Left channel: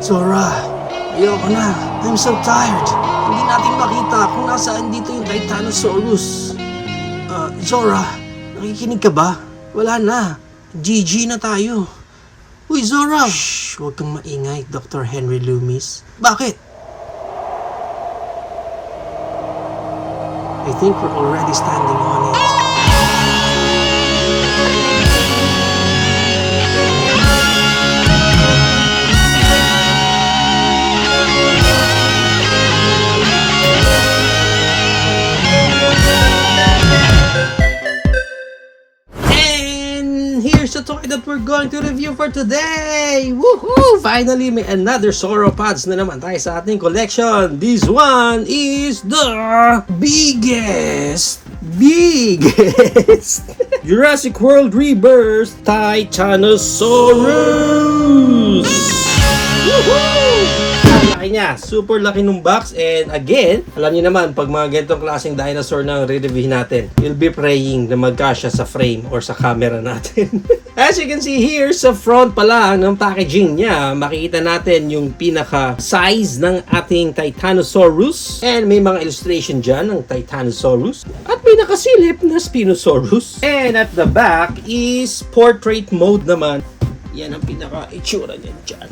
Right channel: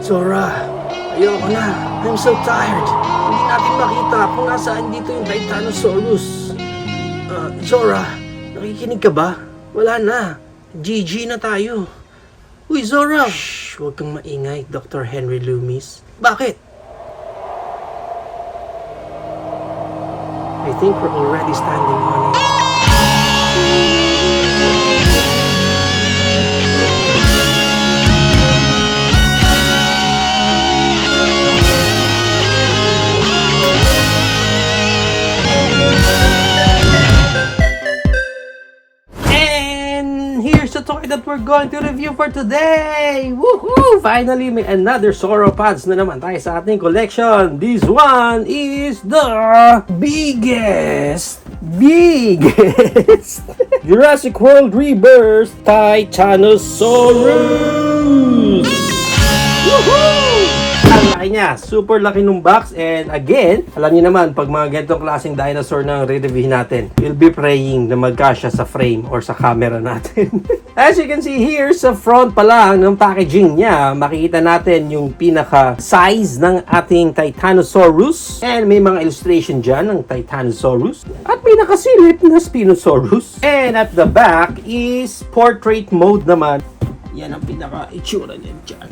Zora, ayoko na. I'm so tired. Hindi natin makita kung nasaan dito yung Titanosaurus. Zora, nakikinig ka ba? Wala na. GG na tayo. Uy, Zora! Shh, huwag kang maingay, Dr. Henry Loomis. Bakit? I think we're already standing on it. Here's the toy that we're going to review for today! Woohoo! Finally, may another sauropods na naman tayo sa ating collection. This one is the biggest Jurassic World Rebirth Titanosaurus! Woohoo! Ang laki niya, super laki ng box, and again, alam niyo naman, pag mga ganitong klaseng dinosaur na re-review natin, we'll be praying na magkasya sa frame or sa camera natin. As you can see here, sa front pa lang ng packaging niya, makikita natin yung pinaka-size ng ating Titanosaurus, and may mga illustration dyan ng Titanosaurus, at may nakasilip na Spinosaurus. And at the back is portrait mode naman. Yan ang pinaka-itsura niya dyan.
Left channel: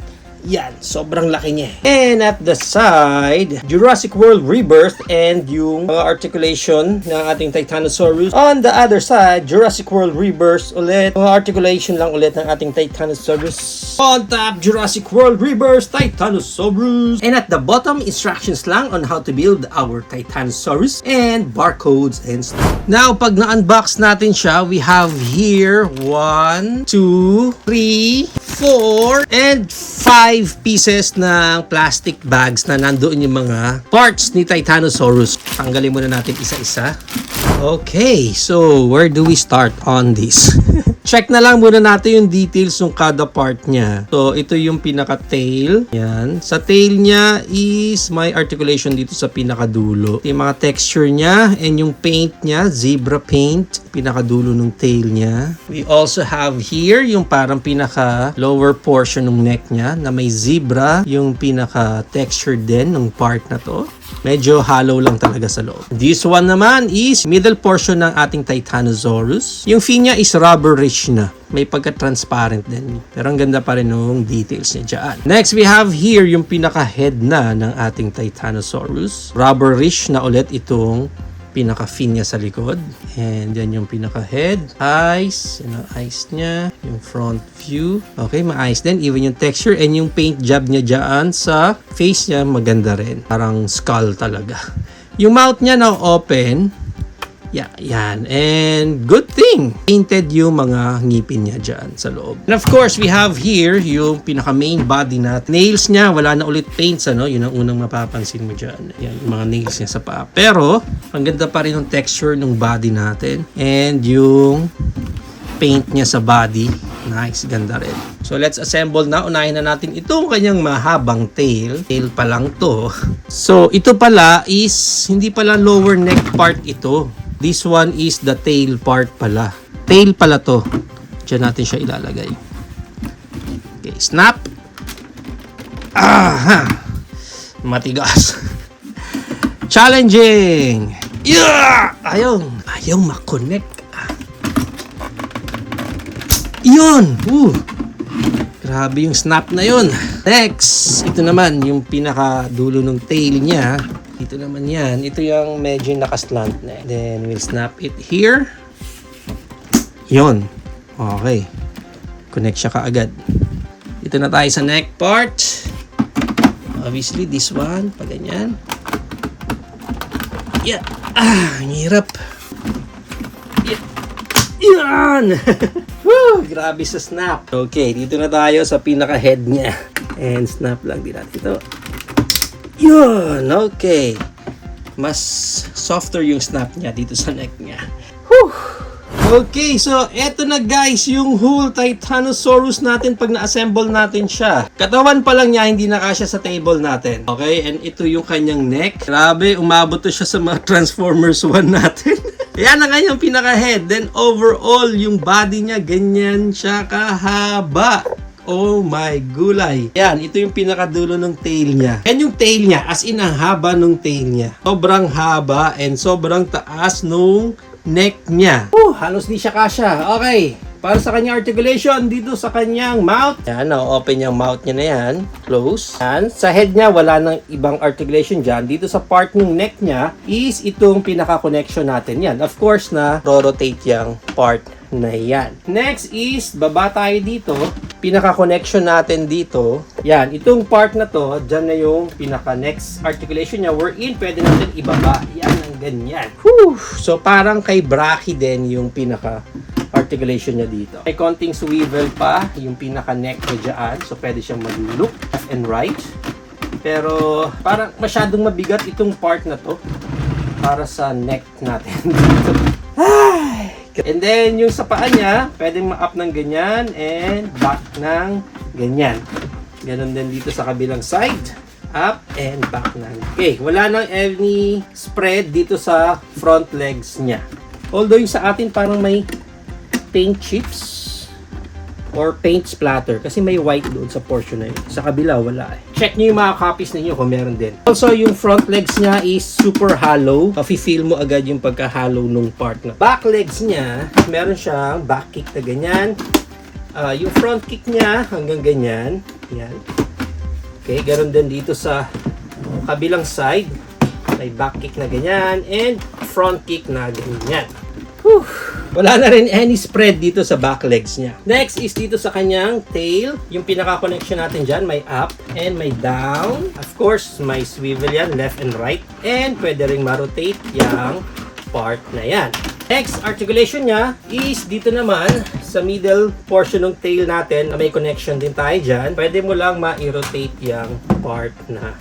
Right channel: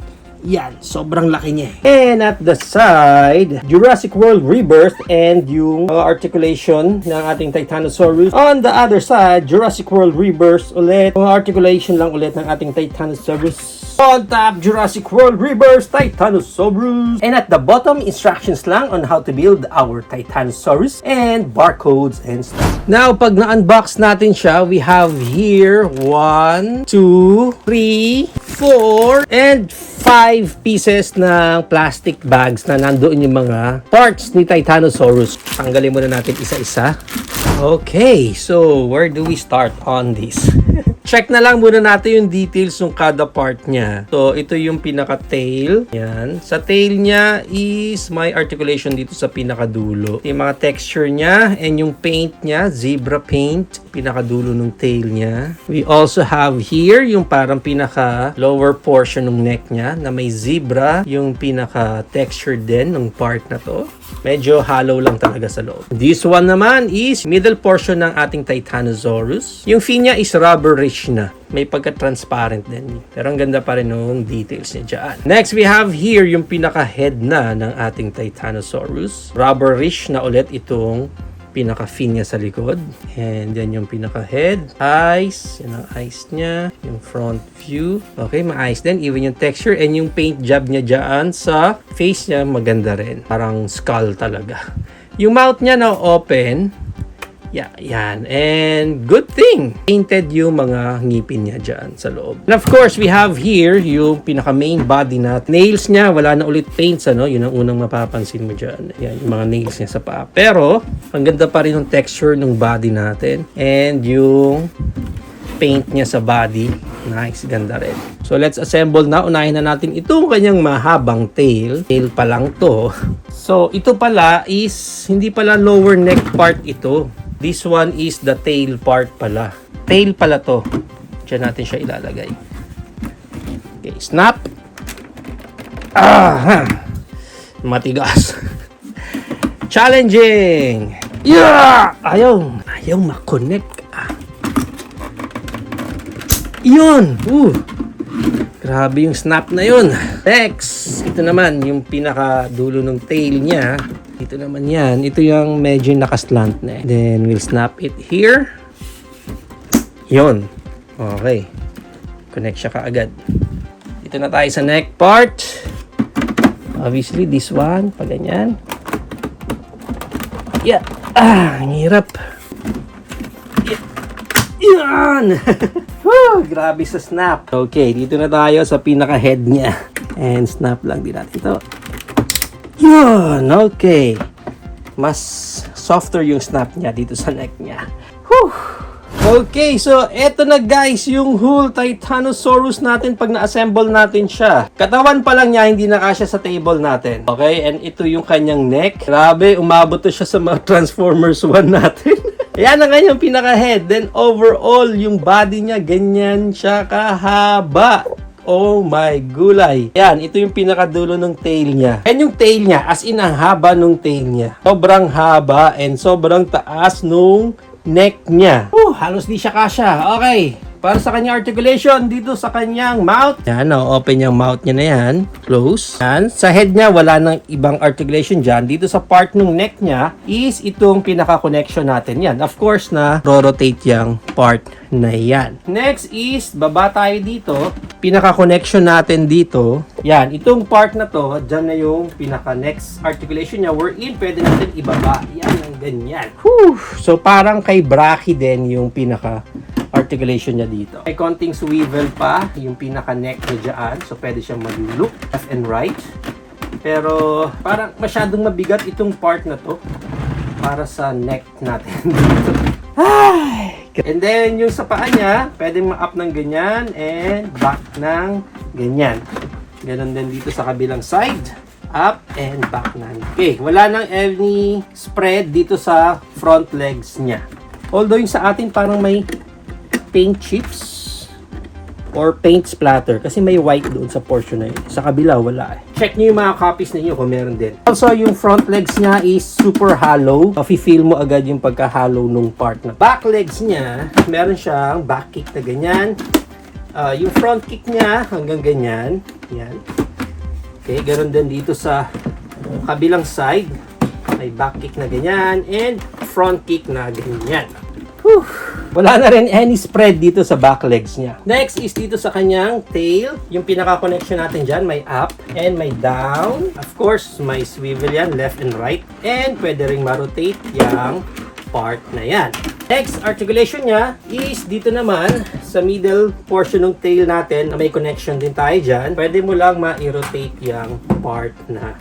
Yan, sobrang laki niya. And at the side, Jurassic World Rebirth and yung articulation ng ating Titanosaurus. On the other side, Jurassic World Rebirth ulit. Articulation lang ulit ng ating Titanosaurus. On top, Jurassic World Rebirth Titanosaurus. And at the bottom, instructions lang on how to build our Titanosaurus and barcodes and stuff. Now, pag na-unbox natin siya, we have here 1, 2, 3, 4, and 5 pieces ng plastic bags na nandoon yung mga parts ni Titanosaurus. Tanggalin muna natin isa-isa. Okay, so where do we start on this? Check na lang muna natin yung details ng kada part niya. So, ito yung pinaka-tail. Yan. Sa tail niya is may articulation dito sa pinakadulo. Yung mga texture niya and yung paint niya, zebra paint, pinakadulo ng tail niya. We also have here yung parang pinaka-lower portion ng neck niya na may zebra, yung pinaka-texture din ng part na to. Medyo hollow lang talaga sa loob. This one naman is middle portion ng ating Titanosaurus. Yung fin niya is rubberish na. May pagka-transparent din. Pero ang ganda pa rin ng details niya dyan. Next, we have here yung pinaka-head na ng ating Titanosaurus. Rubberish na ulit itong pinaka-fin niya sa likod. And then yung pinaka-head, eyes, yun ang eyes niya, yung front view. Okay, maayos din. Even yung texture and yung paint job niya dyan sa face niya, maganda rin. Parang skull talaga. Yung mouth niya na open. Yeah, yan. And good thing, painted yung mga ngipin niya dyan sa loob. And of course, we have here yung pinaka-main body na nails niya. Wala na ulit paints, ano? Yun ang unang mapapansin mo dyan. Yan, yung mga nails niya sa paa. Pero, ang ganda pa rin yung texture ng body natin. And yung paint niya sa body. Nice, ganda rin. So, let's assemble na. Unahin na natin itong kanyang mahabang tail. Tail pa lang to. So, ito pala is, hindi pala lower neck part ito. This one is the tail part pala. Tail pala to. Diyan natin siya ilalagay. Okay, snap. Matigas. Challenging. Yeah! Ayaw makonect. Yun! Grabe yung snap na yun. Next, ito naman yung pinaka-dulo ng tail niya. Ito naman yan. Ito yung medyo nakaslant na. Then, we'll snap it here. Yun. Okay. Connect siya kaagad. Ito na tayo sa neck part. Obviously, this one. Pag ganyan. Yeah. Ang hirap. Yeah. Yan! Woo! Grabe sa snap. Okay, dito na tayo sa pinaka-head niya. And snap lang din natin ito. Yun! Okay. Mas softer yung snap niya dito sa neck niya. Whew! Okay, so eto na guys yung whole Titanosaurus natin pag na-assemble natin siya. Katawan pa lang niya, hindi na kasya sa table natin. Okay, and ito yung kanyang neck. Grabe, umabot to siya sa mga Transformers 1 natin. Ayan na nga yung pinaka-head. Then overall, yung body niya, ganyan siya kahaba. Oh my gulay. Yan, ito yung pinakadulo ng tail niya. Yan yung tail niya, as in ang haba nung tail niya. Sobrang haba and sobrang taas nung neck niya. Halos di siya kasya. Okay. Para sa kanyang articulation, dito sa kanyang mouth. Yan, open yung mouth niya na yan. Close. Yan. Sa head niya, wala nang ibang articulation dyan. Dito sa part ng neck niya, is itong pinaka-connection natin. Yan. Of course na, rotate yung part na yan. Next is, baba tayo dito. Pinaka-connection natin dito. Yan. Itong part na to, dyan na yung pinaka-next articulation niya. Wherein, pwede natin ibaba. Yan, ang ganyan. Whew! So, parang kay Brachy din yung pinaka-articulation niya dito. May konting swivel pa yung pinaka-neck niya dyan. So, pwede siyang mag-look left and right. Pero, parang masyadong mabigat itong part na to para sa neck natin dito. And then, yung sa paa niya, pwedeng ma-up ng ganyan and back ng ganyan. Ganon din dito sa kabilang side. Up and back na. Okay, wala nang any spread dito sa front legs niya. Although yung sa atin parang may paint chips or paint splatter kasi may white doon sa portion na yun. Sa kabila, wala eh. Check nyo yung mga copies ninyo kung meron din. Also, yung front legs niya is super hollow. Mafe-feel mo agad yung pagka-hollow nung part na. Back legs niya, meron siyang back kick na ganyan. Yung front kick niya hanggang ganyan. Yan. Okay, ganoon din dito sa kabilang side. May back kick na ganyan and front kick na ganyan. Whew. Wala na rin any spread dito sa back legs niya. Next is dito sa kanyang tail. Yung pinaka-connection natin dyan, may up and may down. Of course, may swivel yan, left and right. And pwede rin ma-rotate yung part na yan. Next articulation niya is dito naman sa middle portion ng tail natin. May connection din tayo dyan. Pwede mo lang ma-rotate yung part na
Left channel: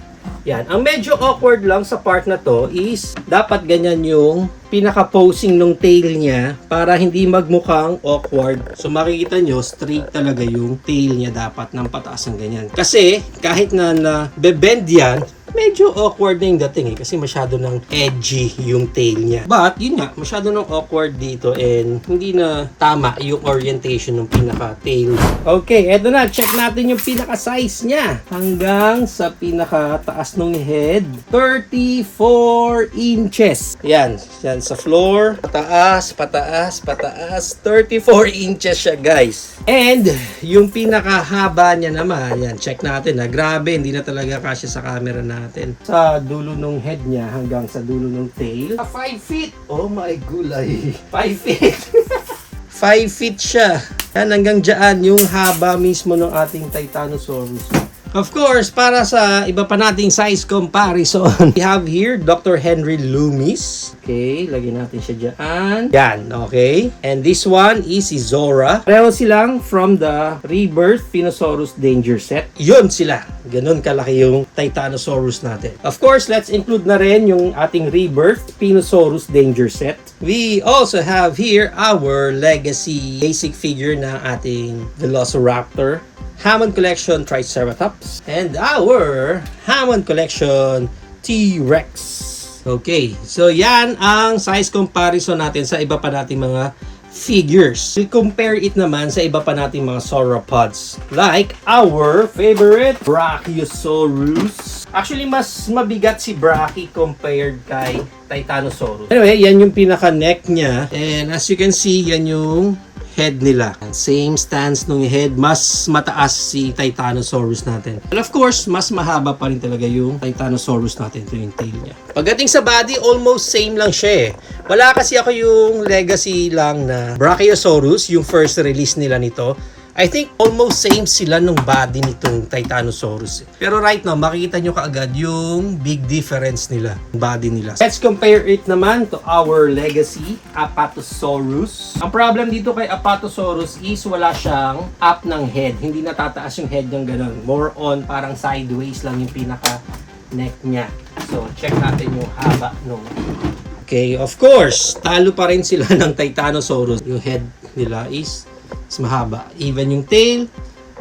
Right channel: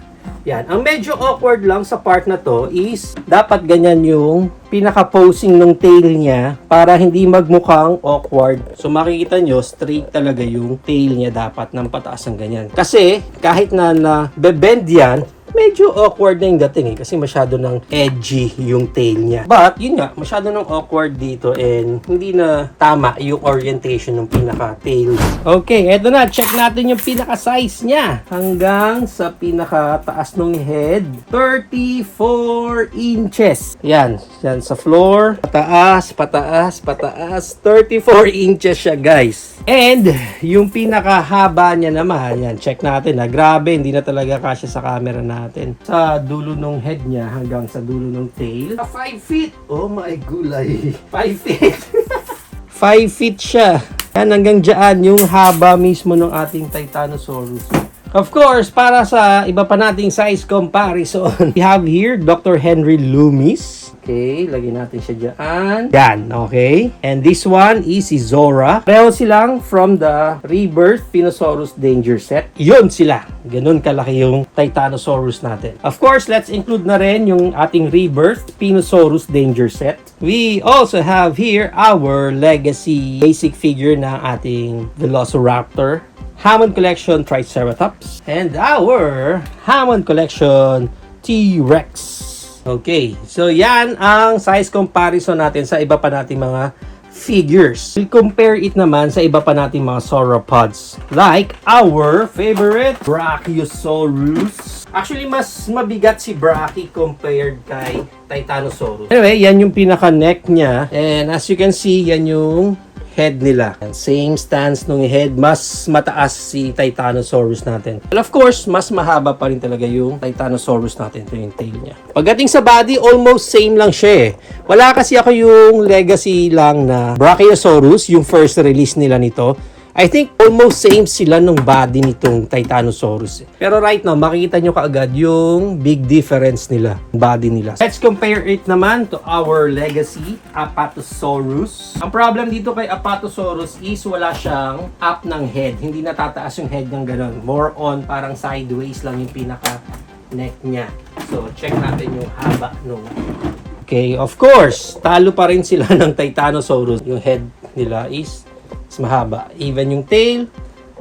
yan. Ang medyo awkward lang sa part na to is dapat ganyan yung pinaka-posing ng tail niya para hindi magmukhang awkward. So makikita nyo, straight talaga yung tail niya dapat ng pataas ng ganyan. Kasi kahit na bebend yan, medyo awkward na yung dating eh. Kasi masyado ng edgy yung tail niya. But, yun nga, masyado ng awkward dito and hindi na tama yung orientation ng pinaka-tail. Okay, eto na. Check natin yung pinaka-size niya. Hanggang sa pinaka-taas ng head. 34 inches. Yan. Yan sa floor. Pataas, pataas, pataas. 34 inches siya, guys. And, yung pinaka-haba niya naman. Yan, check natin ha. Grabe, hindi na talaga kasya sa camera natin. Sa dulo ng head niya hanggang sa dulo ng tail. 5 feet! Oh my gulay! 5 feet! 5 feet siya. Yan, hanggang dyan yung haba mismo ng ating Titanosaurus. Of course, para sa iba pa nating size comparison, we have here Dr. Henry Loomis. Okay, lagyan natin siya dyan. Yan, okay. And this one is si Zora. Pareho silang from the Rebirth Spinosaurus Danger Set. Yun sila. Ganun kalaki yung Titanosaurus natin. Of course, let's include na rin yung ating Rebirth Spinosaurus Danger Set. We also have here our legacy basic figure ng ating Velociraptor. Hammond Collection Triceratops, and our Hammond Collection T-Rex. Okay, so yan ang size comparison natin sa iba pa nating mga figures. We'll compare it naman sa iba pa nating mga sauropods. Like our favorite Brachiosaurus. Actually, mas mabigat si Brachy compared kay Titanosaurus. Anyway, yan yung pinaka-neck niya. And as you can see, yan yung head nila. Same stance nung head, mas mataas si Titanosaurus natin. And of course, mas mahaba pa rin talaga yung Titanosaurus natin. Ito yung tail niya. Pagdating sa body, almost same lang siya eh. Wala kasi ako yung legacy lang na Brachiosaurus, yung first release nila nito. I think almost same sila nung body nitong Titanosaurus. Pero right now, makikita nyo kaagad yung big difference nila, body nila. Let's compare it naman to our legacy, Apatosaurus. Ang problem dito kay Apatosaurus is wala siyang up ng head. Hindi natataas yung head ng ganun. More on parang sideways lang yung pinaka neck niya. So, check natin yung haba nung. Okay, of course, talo pa rin sila ng Titanosaurus. Yung head nila is mahaba. Even yung tail,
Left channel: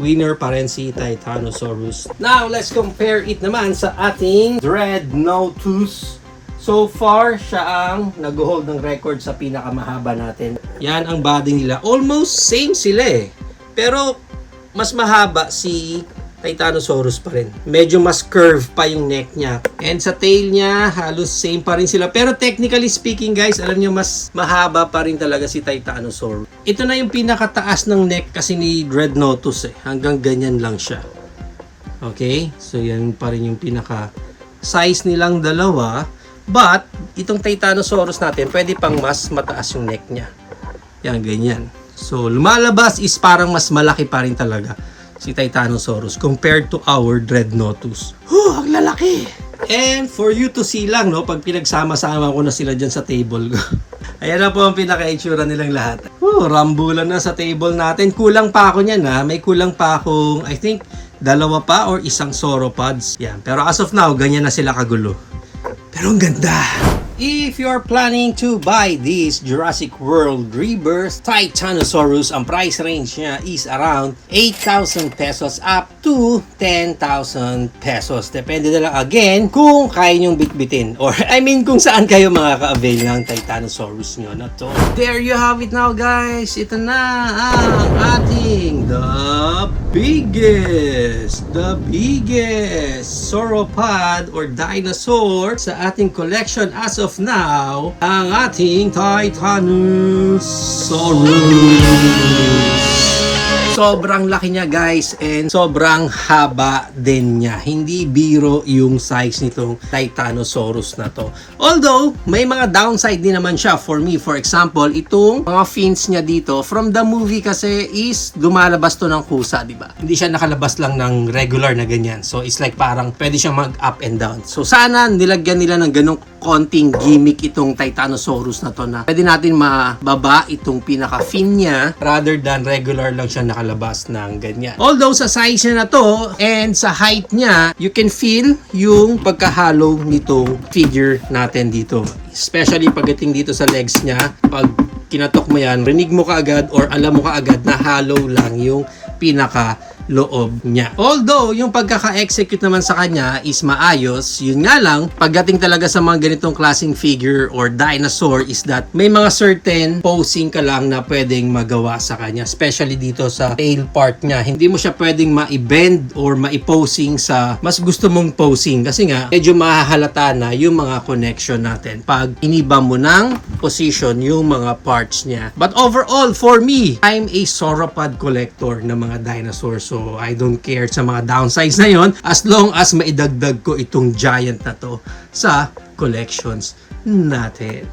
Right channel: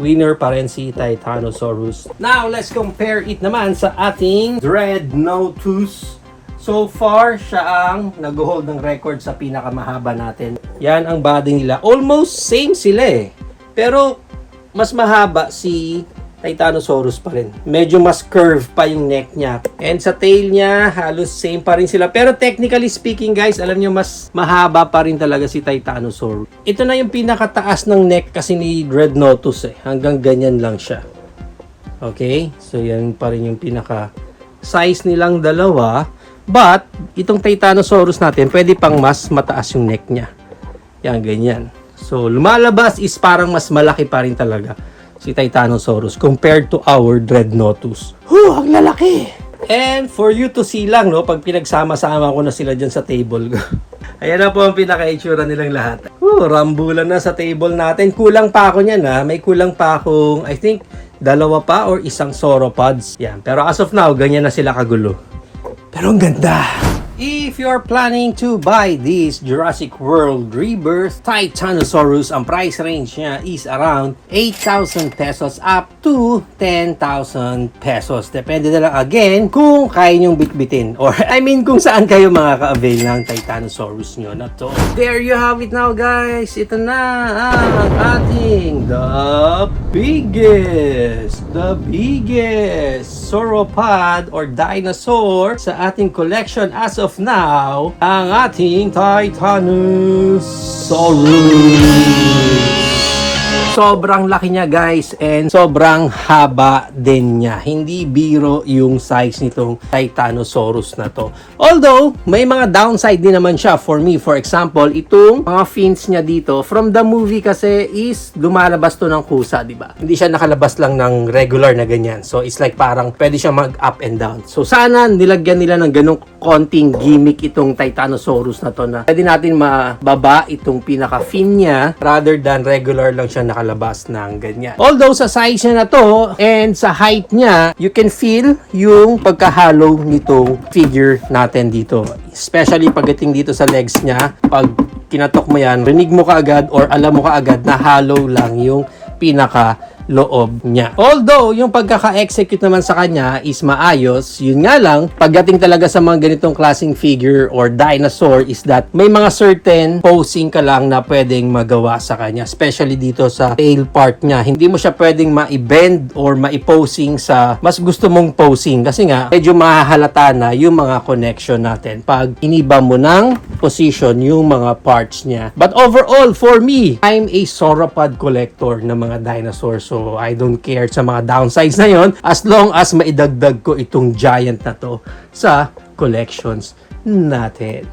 winner pa rin si Titanosaurus. Now, let's compare it naman sa ating Dreadnoughtus So far, siya ang nag-hold ng record sa pinakamahaba natin. Yan ang body nila. Almost same sila eh. Pero mas mahaba si Titanosaurus pa rin. Medyo mas curve pa yung neck niya. And sa tail niya, halos same pa rin sila. Pero technically speaking guys, alam niyo mas mahaba pa rin talaga si Titanosaurus. Ito na yung pinakataas ng neck kasi ni Dreadnoughtus eh. Hanggang ganyan lang siya. Okay? So yan pa rin yung pinaka size nilang dalawa. But, itong Titanosaurus natin, pwede pang mas mataas yung neck niya. Yan, ganyan. So, lumalabas is parang mas malaki pa rin talaga si Titanosaurus compared to our Dreadnoughtus. Ang lalaki! And for you to see lang, no, pag pinagsama-sama ko na sila dyan sa table ko. Ayan na po ang pinaka-itsura nilang lahat. Rambulan na sa table natin. Kulang pa ako niyan ha. May kulang pa akong, I think, 2 pa or isang sauropods. Yan. Pero as of now, ganyan na sila kagulo. Pero ang ganda! If you're planning to buy this Jurassic World Rebirth Titanosaurus, ang price range niya is around 8,000 pesos up to 10,000 pesos. Depende na lang again kung kaya nyong bitbitin. Or I mean kung saan kayo makaka-avail ng Titanosaurus nyo na to. There you have it now guys. Ito na ang ating the biggest sauropod or dinosaur sa ating collection as of now, ang ating Titanosaurus. Sobrang laki niya guys and sobrang haba din niya. Hindi biro yung size nitong Titanosaurus na to. Although, may mga downside din naman siya for me. For example, itong mga fins niya dito, from the movie kasi is lumalabas to ng kusa, di ba? Hindi siya nakalabas lang ng regular na ganyan. So, it's like parang pwede siya mag-up and down. So, sana nilagyan nila ng ganong konting gimmick itong Titanosaurus na to na pwede natin mababa itong pinaka-fin niya rather than regular lang siya nakalabas ng ganyan. Although sa size niya na to and sa height niya, you can feel yung pagkahalo nitong figure natin dito. Especially pagdating dito sa legs niya, pag kinatok mo yan, rinig mo kaagad or alam mo kaagad na hollow lang yung pinaka loob niya. Although, yung pagkaka-execute naman sa kanya is maayos, yun nga lang, pagdating talaga sa mga ganitong klaseng figure or dinosaur is that may mga certain posing ka lang na pwedeng magawa sa kanya. Especially dito sa tail part niya. Hindi mo siya pwedeng ma-bend or ma-posing sa mas gusto mong posing. Kasi nga, medyo mahahalata na yung mga connection natin pag iniba mo ng position yung mga parts niya. But overall, for me, I'm a sauropod collector ng mga dinosaurs. So, I don't care sa mga downsides na yon as long as maidagdag ko itong giant na to sa collections natin.